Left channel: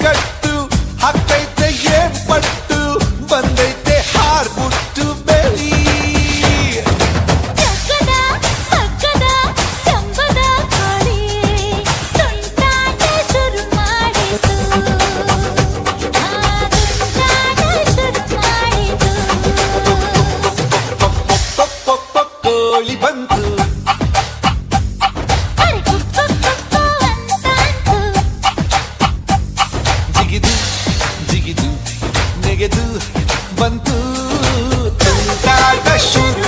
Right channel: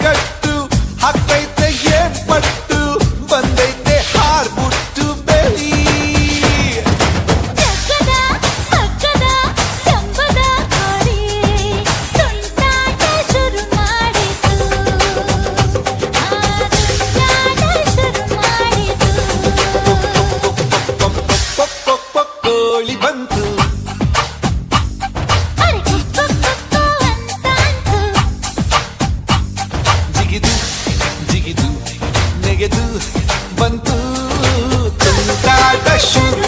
ಕಟ್ಟು ಹಾಕ್ತೈತೆ ಏನ್ ಪಟ್ಟು ಬಂದೈತೆ ಹಾರ್ಬಿಟ್ಟು ಬೆಳಿ ಜಗ್ಗದ ಮಗ್ಗದ ಜಂಬದ ಕೋಳಿ ತುಂಟಾಟ ಶುರು ಮಾಡಿತು ತುಂಟಾಟ ಶುರು ಮಾಡಿತು ಕೋಳಿ ಬಂತು ಅರೆ ಕುಕ್ಕು ಕುಕ್ಕು ಅಂತಾಂತು ಜಿಗಿದು ಜಿಗಿದು ನೆಗೆದು ಬಂತು ತುಂಟಾಟ ಶುರು